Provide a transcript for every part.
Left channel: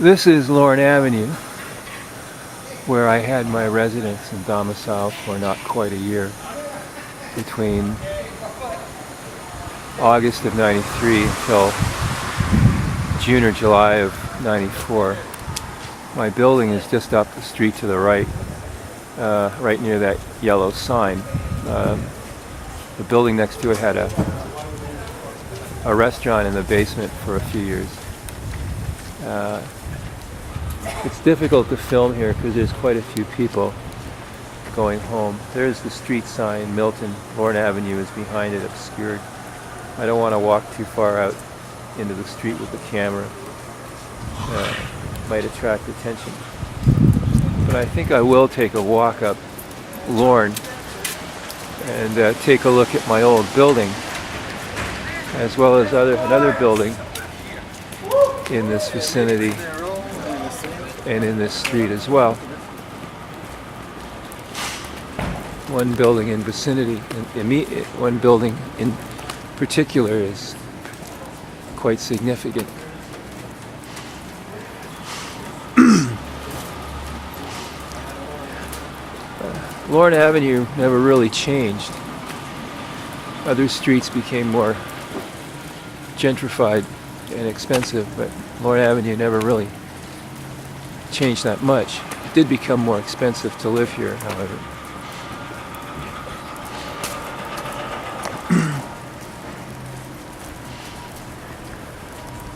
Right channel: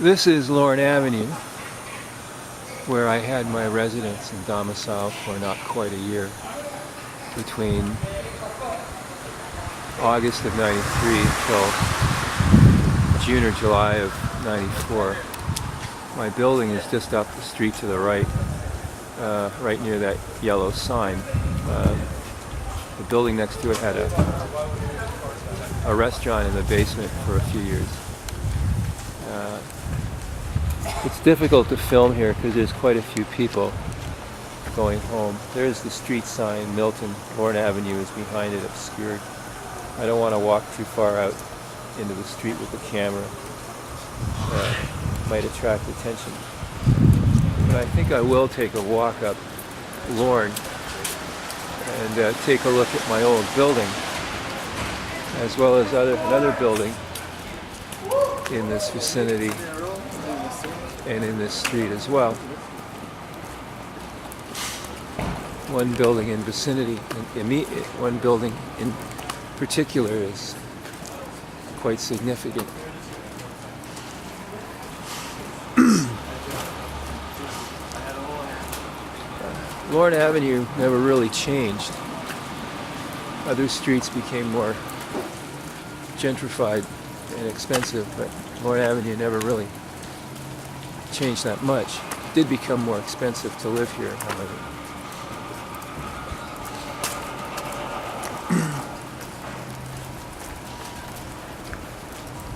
This is Lorne Avenue, where I had my residence and domicile for not quite a year, between August of '93 until June or July of '94. My building is just up the street to the right, right near that yellow sign. The building next to it had a restaurant in the basement for a few years. It's difficult to film here because there's quite a few people going home. There's the street sign, Milton. Lorne Avenue is behind it, obscured. I don't want to walk too far out into the street with the camera. Might attract attention. But I think I will take a walk up Lorne and take a look at my old building, as well as another building in this vicinity and in this street as well. One building in vicinity, one building in particular is quite significant. Lorne Avenue never really changed. Other streets became more gentrified and expensive, but Lorne Avenue never really changed that much. It did become more expensive to live here, however.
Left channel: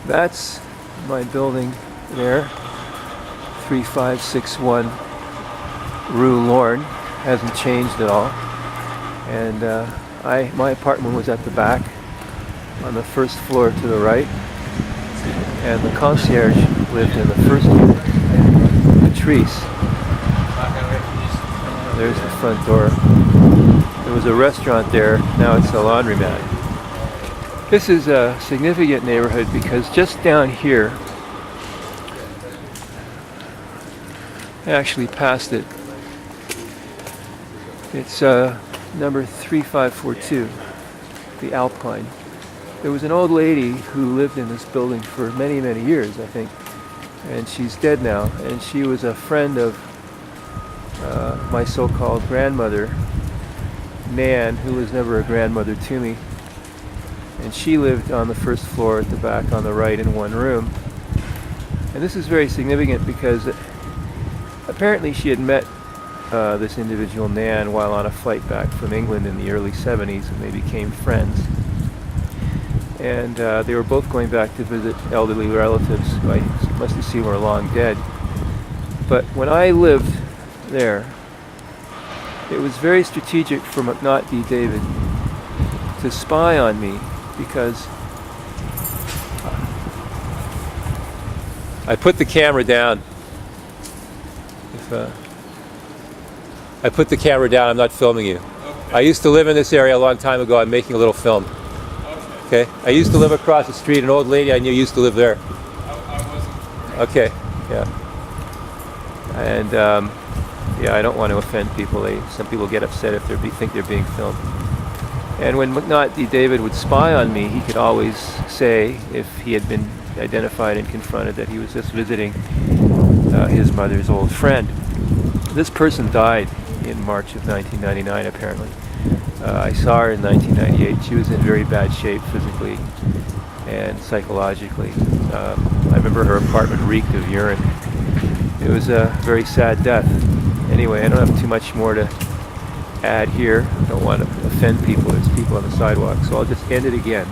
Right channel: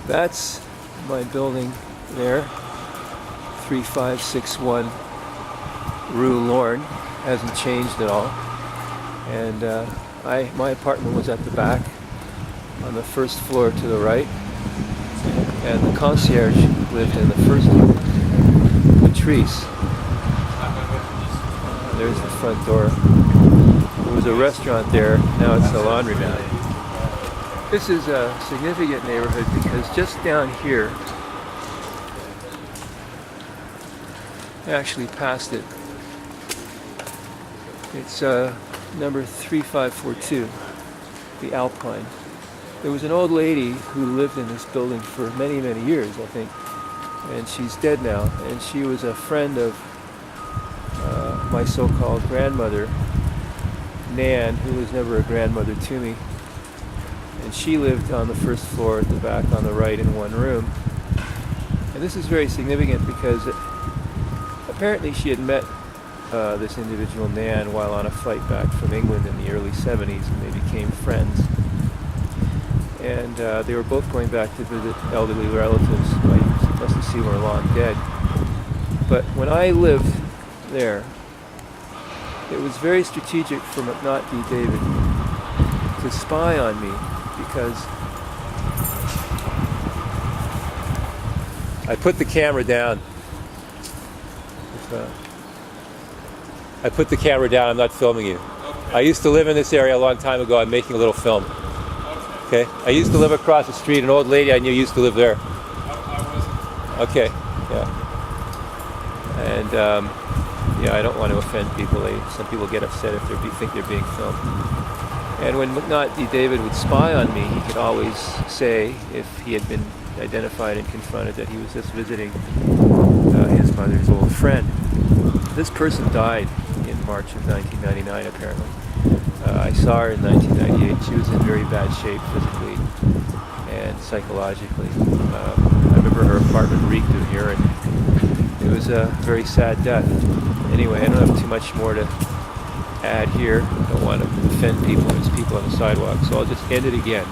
That's my building there, 3561 Rue Lorne. Hasn't changed at all. And my apartment was at the back, on the first floor to the right, and the concierge lived in the first unit, Patrice. There's the front door. There was a restaurant there, now it's a laundromat. This is a significant neighborhood because just down here, actually past it, it's number 3542, the Alpine. There was an old lady who lived in this building for many, many years, I think, and she's dead now. And she was a friend of my so-called grandmother, Nan, who was never a grandmother to me. And she lived on the first floor at the back on the right in one room. And this is very significant because apparently she had met this individual, Nan, while on a flight back from England in the early 70s, and they became friends. And they were both going back to visit elderly relatives who I must assume were long dead. But when I lived there, it was very strategic for McNaught David to spy on me, because I put the camera down. I put the camera down, I'm not filming you. Okay. I used to live in this area a long time ago. I'm making a little film. Okay. I used to live across the street. An old lady I knew used to live there. I wasn't. Okay, yeah. And yeah, I don't want to offend people. Some people get upset if they think they're being filmed. And when McNaught David would spy on me, he could always say, if he had been identified and confronted, that he was just visiting his mother's old friend. This person died in March of 1999, apparently. I saw her in 1998. She was in very bad shape physically and psychologically. I remember her apartment reeked of urine. It was a very sad death. Anyway, I don't have too much more to add here. I don't want to offend people. There's people on the sidewalk, so I'll just end it again.